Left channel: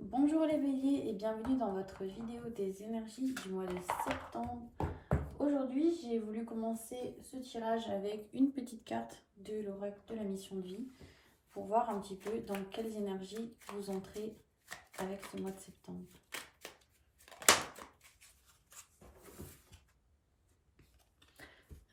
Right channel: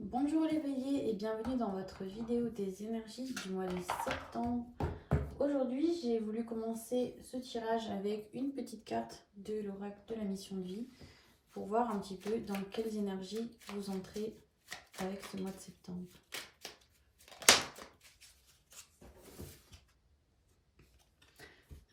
Bonjour les béliers et bienvenue dans votre vidéo des énergies du mois de septembre. Aujourd'hui, j'ai voulu commencer ce tirage avec une petite carte de l'oracle de la mission de vie pour voir un petit peu dans quelles énergies vous entrez avec ce mois de septembre.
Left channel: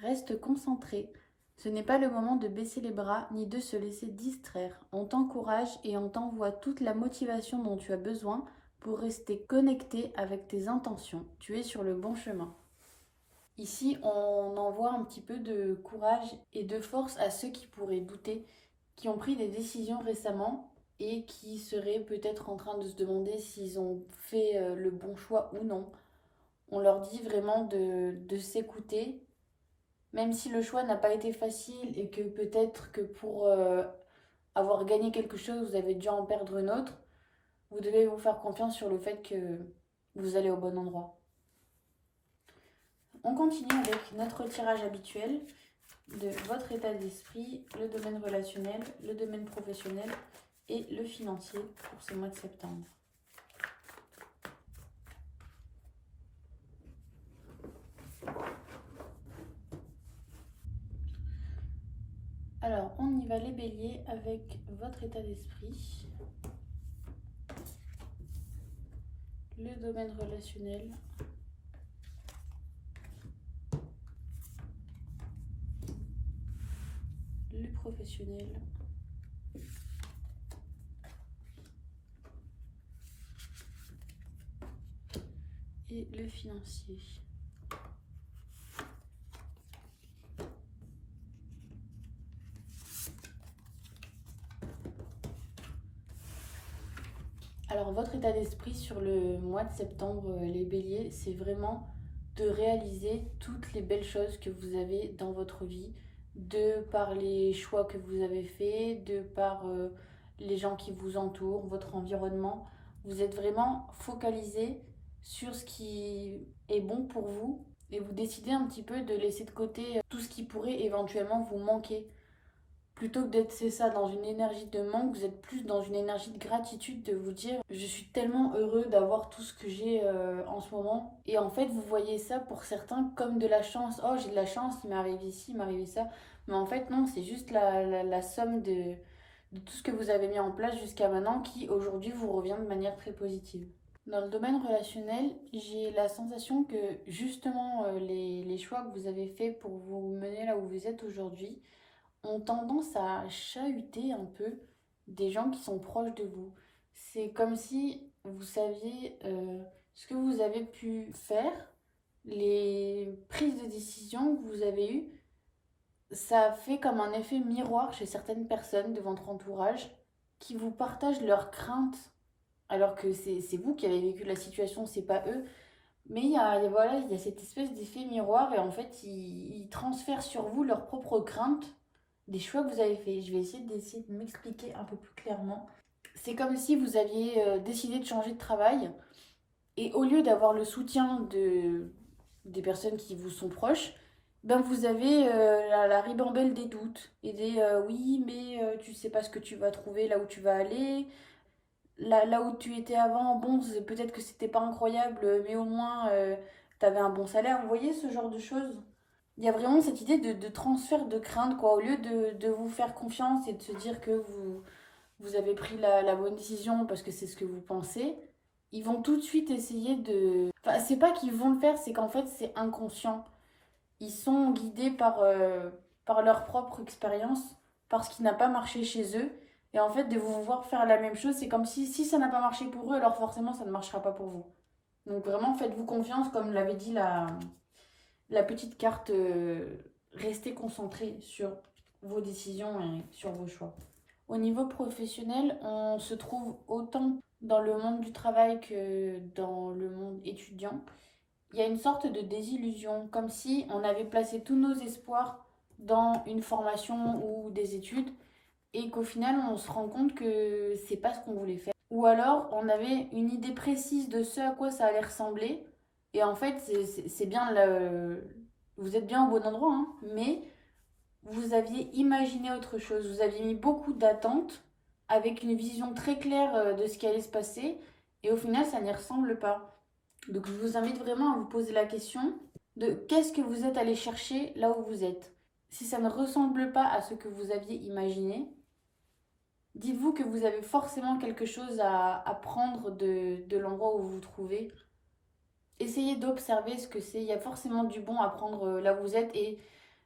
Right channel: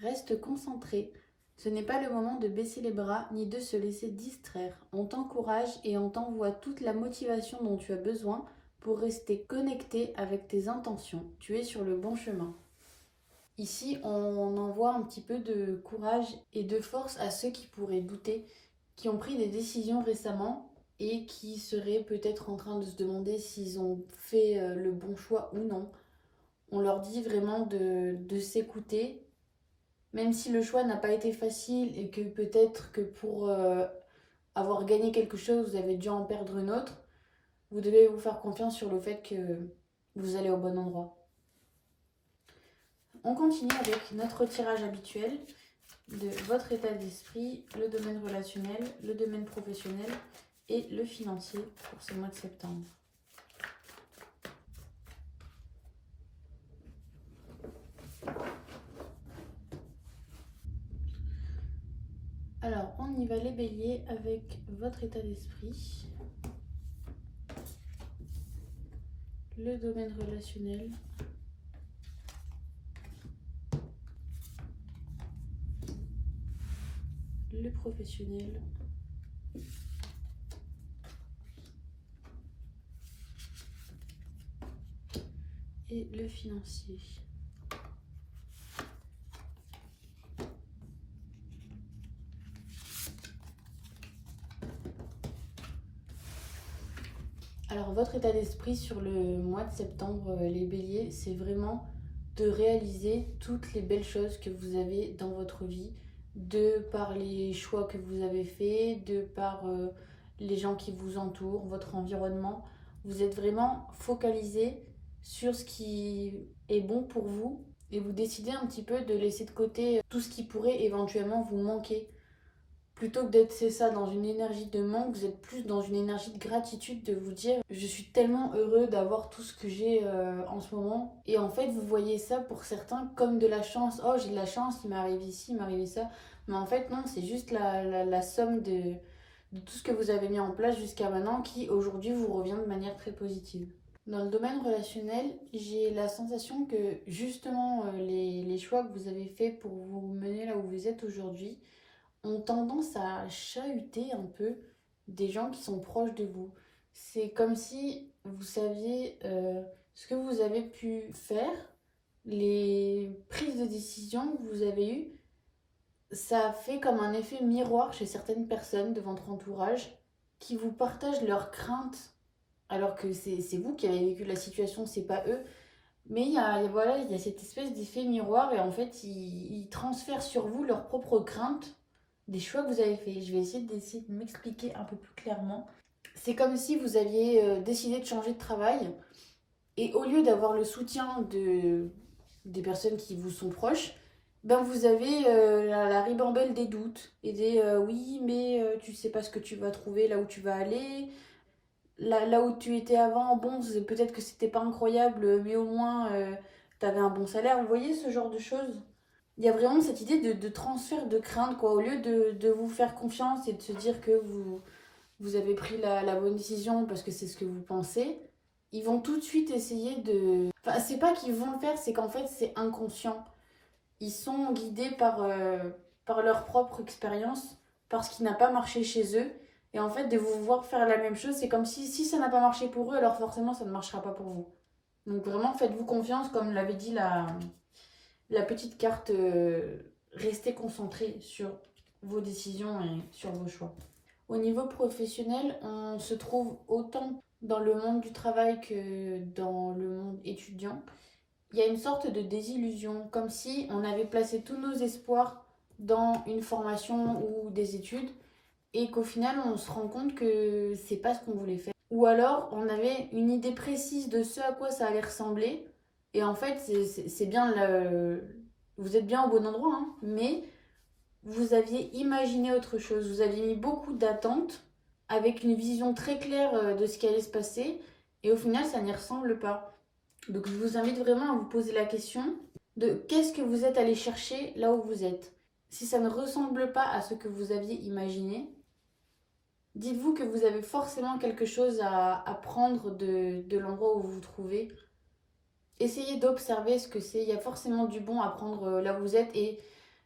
Reste concentré. Ce n'est pas le moment de baisser les bras ni de se laisser distraire. On t'encourage et on t'envoie toute la motivation dont tu as besoin pour rester connecté avec tes intentions. Tu es sur le bon chemin. Ici, on envoie un petit peu de courage et de force à ceux qui pourraient douter, qui ont pris des décisions récemment et qui seraient peut-être en train de se demander s'ils ont fait le bon choix ou non. On leur dit vraiment de s'écouter, même si le choix n'a pas été facile et que peut-être que pour avoir gagné quelque chose, vous avez dû en perdre une autre, vous devez vous faire confiance sur le fait que vous allez au bon endroit. On continue avec notre tirage habituel de votre état d'esprit, le domaine relationnel, le domaine professionnel et le financier pour ce mois de septembre. Alors, on y va les béliers avec votre état d'esprit, le domaine relationnel, le professionnel et le financier. Alors, votre état d'esprit sur le mois de septembre, les béliers, c'est vraiment de réaliser toutes les belles choses que vous avez dans votre vie, de par les choix que vous avez faits, de par les gens qui vous entourent, votre environnement. Vous êtes vraiment focalisé sur ce qui est bon pour vous et vous décidez un petit peu de laisser de côté tout ce qui pourrait éventuellement vous manquer. Plutôt que d'être, c'est ça, dans une énergie de manque, vous êtes plus dans une énergie de gratitude, de vous dire je suis tellement heureux d'avoir tout ce que j'ai en ce moment. Et en fait, vous voyez ça pour certains comme de la chance. Oh, j'ai de la chance, il m'arrive ici, il m'arrive ça. Mais en fait, non, c'est juste la somme de tout ce que vous avez mis en place jusqu'à maintenant qui aujourd'hui vous revient de manière très positive. Dans le domaine relationnel, j'ai la sensation que justement les choix que vous avez faits pour vous mener là où vous êtes aujourd'hui ont tendance à chahuter un peu des gens qui sont proches de vous. C'est comme si vous saviez ce que vous avez pu faire, les prises de décision que vous avez eues, ça fait comme un effet miroir chez certaines personnes de votre entourage qui vous partagent leurs craintes alors que c'est vous qui avez vécu la situation, c'est pas eux. Mais voilà, il y a cette espèce d'effet miroir et en fait, ils transfèrent sur vous leurs propres craintes des choix que vous avez faits. Je vais d'essayer de m'expliquer un peu plus clairement. C'est comme si vous aviez décidé de changer de travail et au lieu d'avoir le soutien des personnes qui vous sont proches, ben vous avez la ribambelle des doutes et des oui, mais tu sais pas ce que tu vas trouver là où tu vas aller. Là où tu étais avant, bon, peut-être que c'était pas incroyable, mais au moins tu avais un bon salaire. Vous voyez ce genre de choses? Il y a vraiment cette idée de transfert de crainte, quoi. Au lieu de vous faire confiance et de se dire que vous avez pris la bonne décision parce que c'est ce que vous pensez, ils vont tout de suite essayer de... Enfin, c'est pas qu'ils vont le faire, c'est qu'en fait, c'est inconscient. Ils sont guidés par leur propre expérience, par ce qui n'a pas marché chez eux. Et en fait, de vous voir faire la même chose, c'est comme si ça n'a pas marché pour eux, alors forcément, ça ne marchera pas pour vous. Donc vraiment, faites-vous confiance, comme l'avait dit la petite carte, restez concentré sur vos décisions et sur vos choix. Au niveau professionnel, on se trouve autant dans le monde du travail que dans le monde étudiant. Il y a une sorte de désillusion, comme si on avait placé tous nos espoirs dans une formation ou des études et qu'au final on se rend compte que c'est pas ce qu'on voulait faire. Ou alors on avait une idée précise de ce à quoi ça allait ressembler et en fait c'est bien vous êtes bien au bon endroit, hein, mais vous aviez imaginé autre chose, vous aviez mis beaucoup d'attentes avec une vision très claire de ce qui allait se passer Et au final, ça n'y ressemble pas. Donc je vous invite vraiment à vous poser la question de qu'est-ce que vous êtes allé chercher là où vous êtes. Si ça ne ressemble pas à ce que vous aviez imaginé, dites-vous que vous avez forcément quelque chose à prendre de l'endroit où vous vous trouvez. Essayez d'observer ce que c'est. Il y a forcément du bon à prendre là où vous êtes et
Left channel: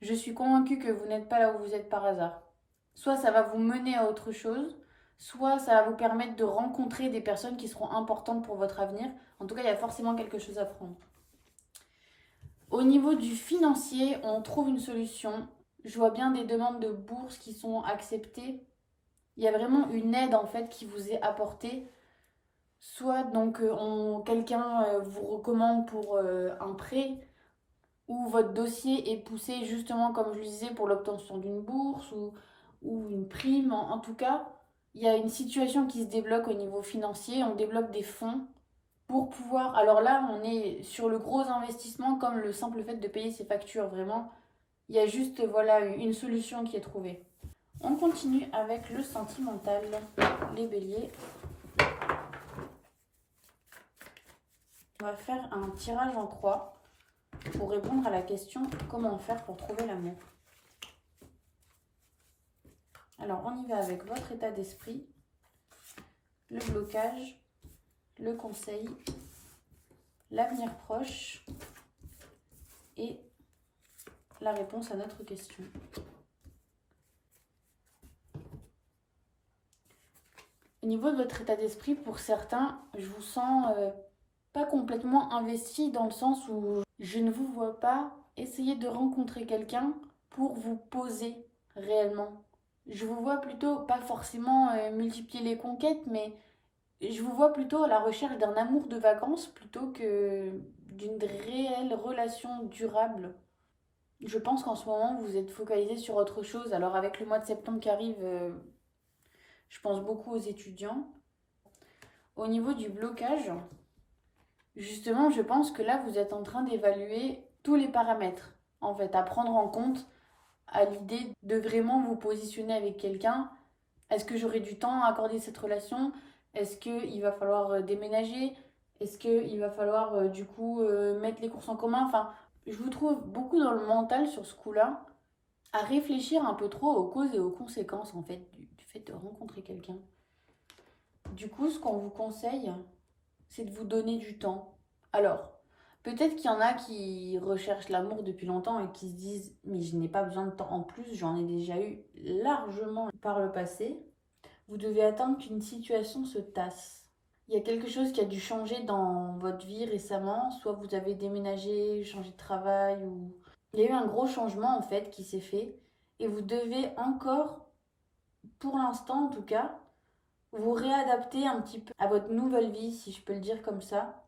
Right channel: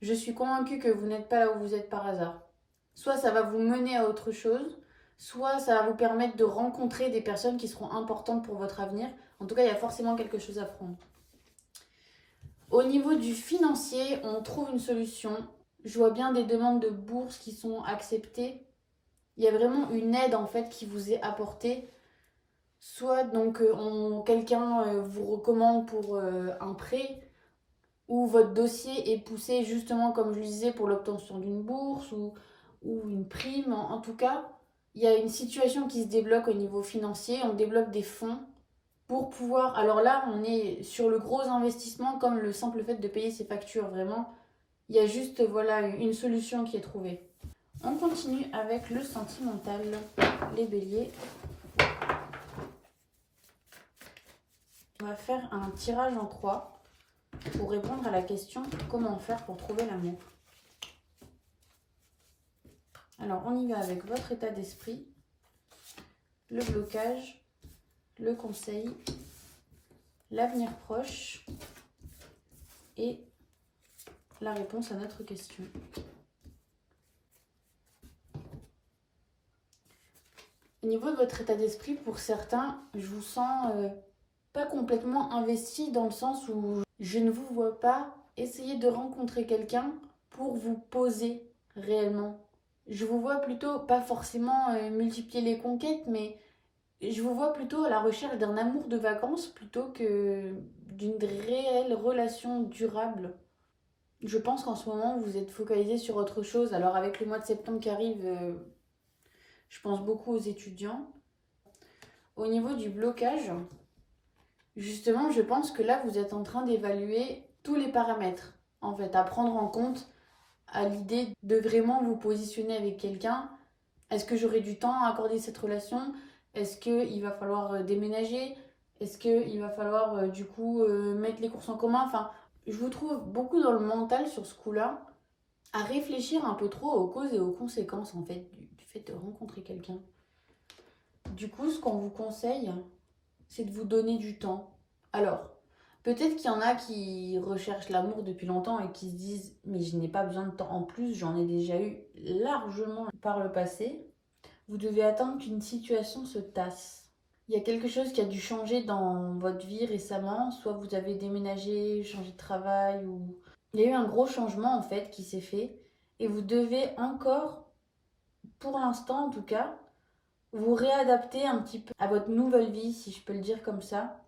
je suis convaincue que vous n'êtes pas là où vous êtes par hasard. Soit ça va vous mener à autre chose, soit ça va vous permettre de rencontrer des personnes qui seront importantes pour votre avenir. En tout cas, il y a forcément quelque chose à prendre. Au niveau du financier, on trouve une solution. Je vois bien des demandes de bourse qui sont acceptées. Il y a vraiment une aide en fait qui vous est apportée. Soit donc quelqu'un vous recommande pour un prêt ou votre dossier est poussé justement comme je le disais pour l'obtention d'une bourse ou une prime. En tout cas, il y a une situation qui se débloque au niveau financier. On débloque des fonds pour pouvoir... Alors là, on est sur le gros investissement comme le simple fait de payer ses factures. Vraiment, il y a juste voilà une solution qui est trouvée. On continue avec le sentimental, les béliers. On va faire un tirage en croix pour répondre à la question comment faire pour trouver l'amour. Alors on y va avec votre état d'esprit, le blocage, le conseil, l'avenir proche et la réponse à notre question. Au niveau de votre état d'esprit, pour certains, je vous sens pas complètement investi dans le sens où je ne vous vois pas essayer de rencontrer quelqu'un pour vous poser réellement. Je vous vois plutôt, pas forcément multiplier les conquêtes, mais je vous vois plutôt à la recherche d'un amour de vacances plutôt que d'une réelle relation durable. Je pense qu'en ce moment, vous êtes focalisé sur autre chose. Alors avec le mois de septembre qui arrive, je pense beaucoup aux étudiants. Au niveau du blocage, justement, je pense que là, vous êtes en train d'évaluer tous les paramètres, en fait, à prendre en compte à l'idée de vraiment vous positionner avec quelqu'un. Est-ce que j'aurai du temps à accorder cette relation? Est-ce qu'il va falloir déménager? Est-ce qu'il va falloir du coup mettre les courses en commun? Enfin, je vous trouve beaucoup dans le mental sur ce coup-là, à réfléchir un peu trop aux causes et aux conséquences en fait du fait de rencontrer quelqu'un. Du coup, ce qu'on vous conseille, c'est de vous donner du temps. Alors, peut-être qu'il y en a qui recherchent l'amour depuis longtemps et qui se disent mais je n'ai pas besoin de temps en plus, j'en ai déjà eu largement par le passé. Vous devez attendre qu'une situation se tasse. Il y a quelque chose qui a dû changer dans votre vie récemment, soit vous avez déménagé, changé de travail, ou... Il y a eu un gros changement en fait qui s'est fait, et vous devez encore, pour l'instant en tout cas, vous réadapter un petit peu à votre nouvelle vie, si je peux le dire comme ça,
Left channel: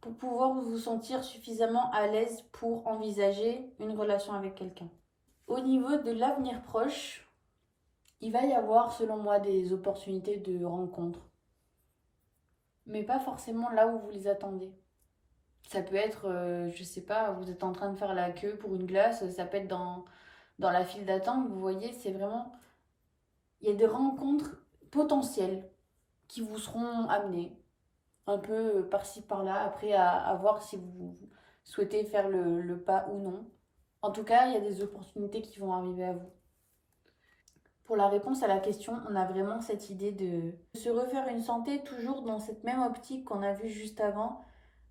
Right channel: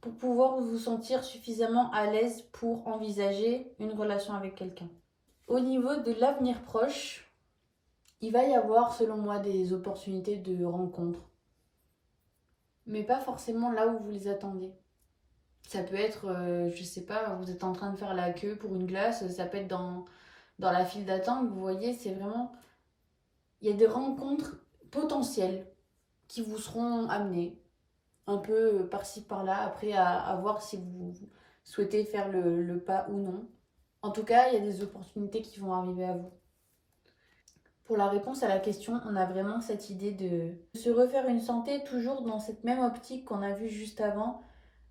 pour pouvoir vous sentir suffisamment à l'aise pour envisager une relation avec quelqu'un. Au niveau de l'avenir proche, il va y avoir, selon moi, des opportunités de rencontre. Mais pas forcément là où vous les attendez. Ça peut être, je sais pas, vous êtes en train de faire la queue pour une glace, ça peut être dans la file d'attente, vous voyez, c'est vraiment... Il y a des rencontres potentielles qui vous seront amenées, un peu par-ci par-là, après à voir si vous souhaitez faire le pas ou non. En tout cas, il y a des opportunités qui vont arriver à vous. Pour la réponse à la question, on a vraiment cette idée de se refaire une santé toujours dans cette même optique qu'on a vue juste avant,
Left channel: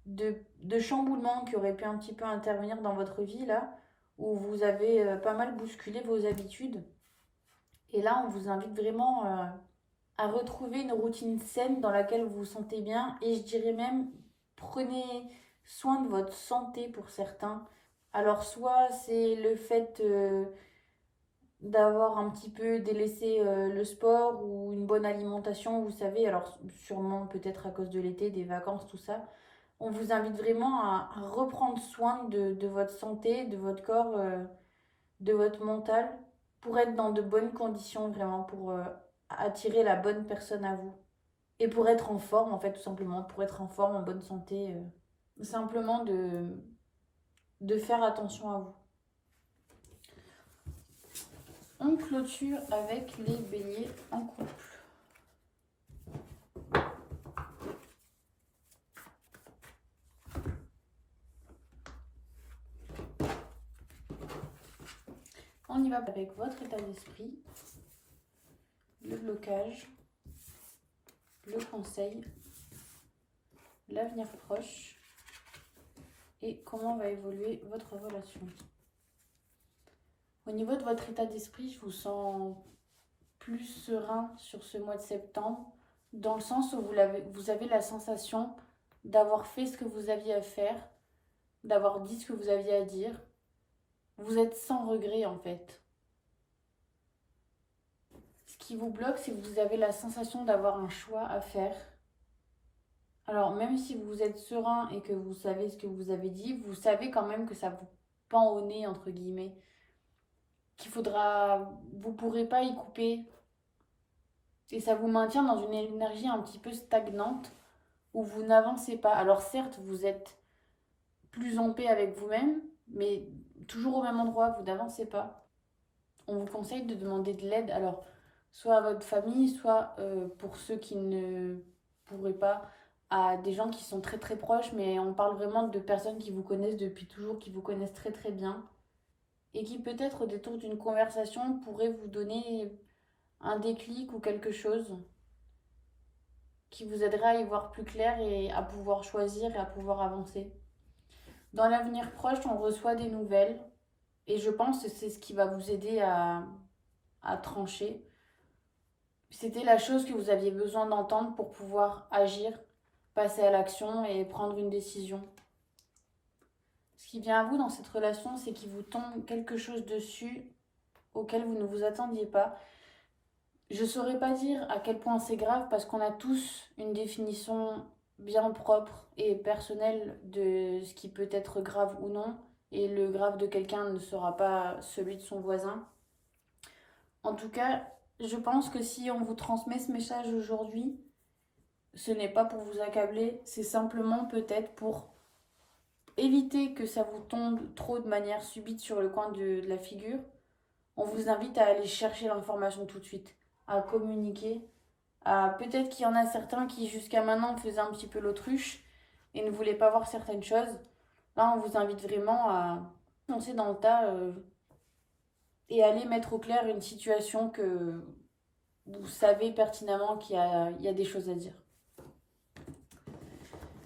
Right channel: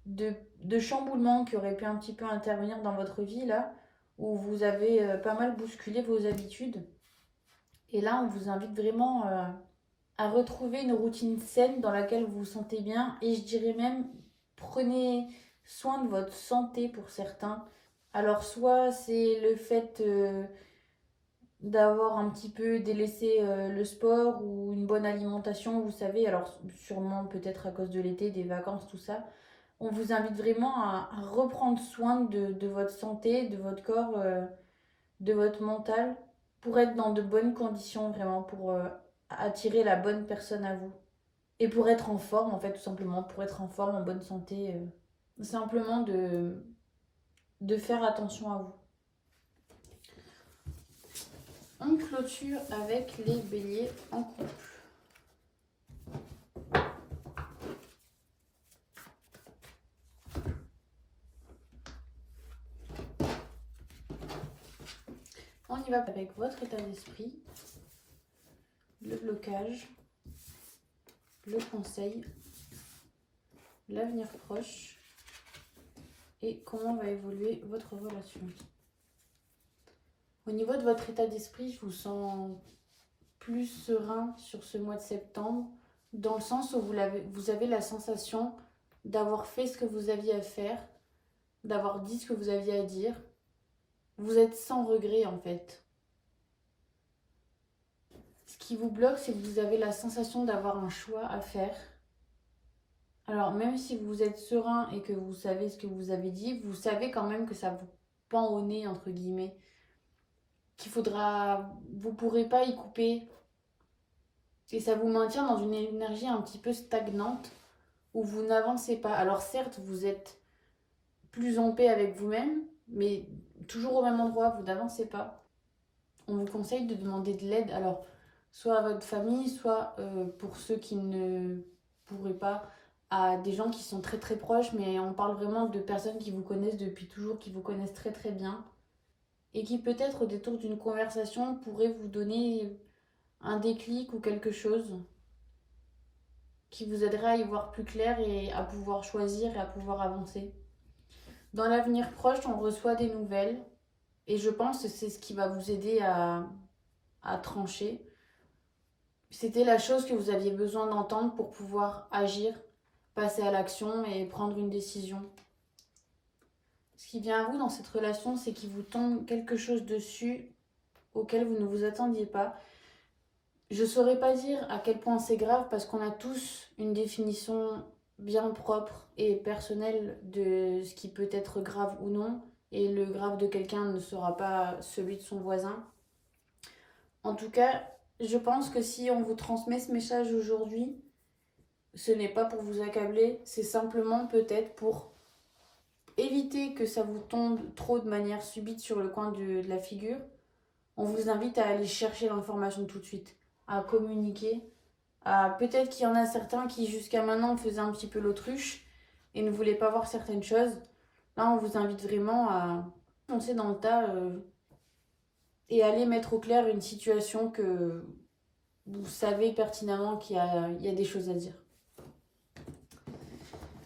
de chamboulement qui aurait pu un petit peu intervenir dans votre vie là, où vous avez pas mal bousculé vos habitudes. Et là, on vous invite vraiment à retrouver une routine saine dans laquelle vous vous sentez bien. Et je dirais même, prenez soin de votre santé pour certains. Alors soit c'est le fait d'avoir un petit peu délaissé le sport ou une bonne alimentation, vous savez, alors sûrement peut-être à cause de l'été, des vacances, tout ça. On vous invite vraiment à reprendre soin de votre santé, de votre corps, de votre mental, pour être dans de bonnes conditions, vraiment, pour attirer la bonne personne à vous. Et pour être en forme, en fait, tout simplement, pour être en forme, en bonne santé, simplement de faire attention à vous. On clôture avec les béliers en couple. On y va avec votre état d'esprit, le blocage, le conseil, l'avenir proche et comment va évoluer votre relation. Au niveau de votre état d'esprit, je vous sens plus serein sur ce mois de septembre, dans le sens où vous avez la sensation d'avoir fait ce que vous aviez à faire, d'avoir dit ce que vous aviez à dire. Vous êtes sans regret en fait. Ce qui vous bloque, c'est que vous avez la sensation d'avoir un choix à faire. Alors même si vous êtes serein et que vous savez ce que vous avez dit, vous savez quand même que ça vous pend au nez, entre guillemets. Vous pourrez pas y couper. Et ça vous maintient dans une énergie un petit peu stagnante où vous n'avancez pas. Alors certes, vous êtes plus en paix avec vous-même, mais toujours au même endroit, vous n'avancez pas. On vous conseille de demander de l'aide, alors soit à votre famille, soit pour ceux qui ne pourraient pas, à des gens qui sont très très proches, mais on parle vraiment de personnes qui vous connaissent depuis toujours, qui vous connaissent très très bien, et qui peut-être au détour d'une conversation pourraient vous donner un déclic ou quelque chose qui vous aidera à y voir plus clair et à pouvoir choisir et à pouvoir avancer. Dans l'avenir proche, on reçoit des nouvelles et je pense que c'est ce qui va vous aider à trancher. C'était la chose que vous aviez besoin d'entendre pour pouvoir agir, passer à l'action et prendre une décision. Ce qui vient à vous dans cette relation, c'est qu'il vous tombe quelque chose dessus auquel vous ne vous attendiez pas. Je ne saurais pas dire à quel point c'est grave parce qu'on a tous une définition bien propre et personnelle de ce qui peut être grave ou non. Et le grave de quelqu'un ne sera pas celui de son voisin. En tout cas, je pense que si on vous transmet ce message aujourd'hui, ce n'est pas pour vous accabler, c'est simplement peut-être pour éviter que ça vous tombe trop de manière subite sur le coin de la figure. On vous invite à aller chercher l'information tout de suite, à communiquer. Peut-être qu'il y en a certains qui jusqu'à maintenant faisaient un petit peu l'autruche et ne voulaient pas voir certaines choses. Là, on vous invite vraiment à foncer dans le tas et aller mettre au clair une situation que vous savez pertinemment qu'il y a des choses à dire.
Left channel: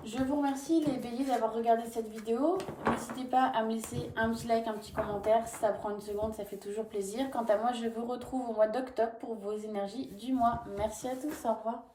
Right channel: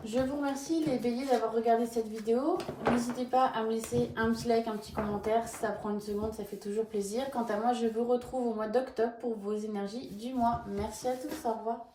Je vous remercie les béliers d'avoir regardé cette vidéo. N'hésitez pas à me laisser un petit like, un petit commentaire. Ça prend une seconde, ça fait toujours plaisir. Quant à moi, je vous retrouve au mois d'octobre pour vos énergies du mois. Merci à tous, au revoir.